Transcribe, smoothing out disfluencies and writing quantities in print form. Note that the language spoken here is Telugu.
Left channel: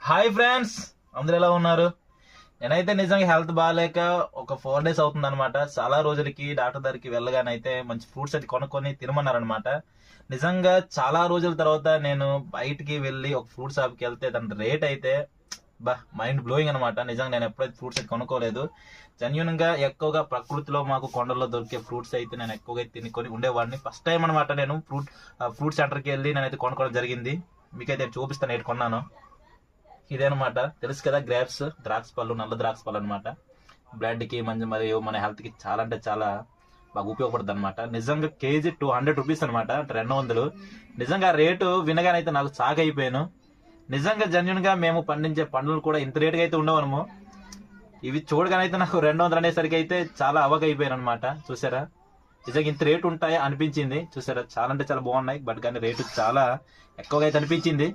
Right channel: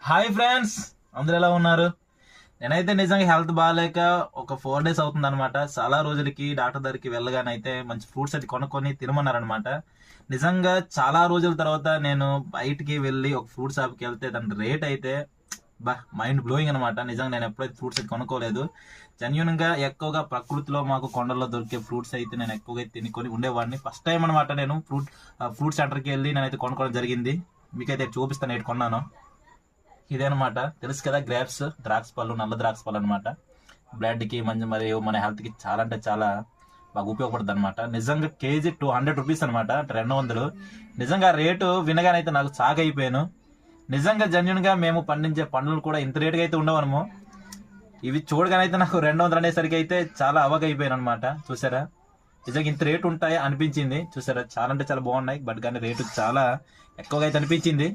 హాయ్ ఫ్రెండ్స్, అందరు ఎలా ఉన్నారు? నేనైతే నిజంగా హెల్త్ బాగాలేక ఒక 4 days అవుతుంది అనమాట. చాలా రోజులకి డాక్టర్ దగ్గరికి వెళ్ళగానైతే మంచి ఫ్రూట్స్ అయితే కొనుక్కొని తినమన్నారనమాట. నిజంగా చాలా రోజుల తర్వాత నేను బయటికి వెళ్ళి ఒక ఫ్రూట్ షాప్కి వెళ్తే దాని రేట్ అయితే మైండ్ బ్లోయింగ్ అనమాట. నిజంగా నేను ఎప్పుడైతే ఫ్రూట్స్ అయితే కొనుక్కోలేదు. జెన్యున్ గా ఎక్కువగా ప్రకృతిలో మాకు కొండల్లో దొరికే ఫ్రూట్స్ అయితే నేను ఎక్కువగా తినుకొని ఉండేవాడిని. ఫస్ట్ టైం అనమాట నేను ఫ్రూట్ సెంటర్కి వెళ్ళి నేనైతే కొనుక్కోవడం జరిగింది. మీకైతే చూపిస్తాను ఏంటి కొన్నాను. ఇదేనమాట, తెలుసు కదా, గ్రేప్స్, ద్రాక్ష పళ్ళు, నల్ల ద్రాక్ష పళ్ళు అనమాట. బ్లడ్ కి మంచి మరియు మన హెల్త్ కి చాలా అంటే చాలా బాగా ఉపయోగపడుతుంది అనమాట. నిజంగా కేజీ 200 రూపీస్ అనమాట, 200. నిజంగా రేటు వినగానైతే నాకు షాక్ అయిపోయాను. నిజంగా జెన్యున్ గా మేము పండించే పండ్లు కూడా ఇంత రేటుగా అయితే ఉండవనము. ఇవి చూడగానైతే నాకు 200 అనేసరికి అయితే చాలా అవాక్ అయిపోయాను అనమాట. చూసారా, నిజంగా ఇంత రేటు ఉంటాయి అనిపించింది. చూసారా, చాలా అంటే చాలా బాగున్నాయి. బట్ కానీ రేటు చాలా ఎక్కువగా అయితే అనిపించింది.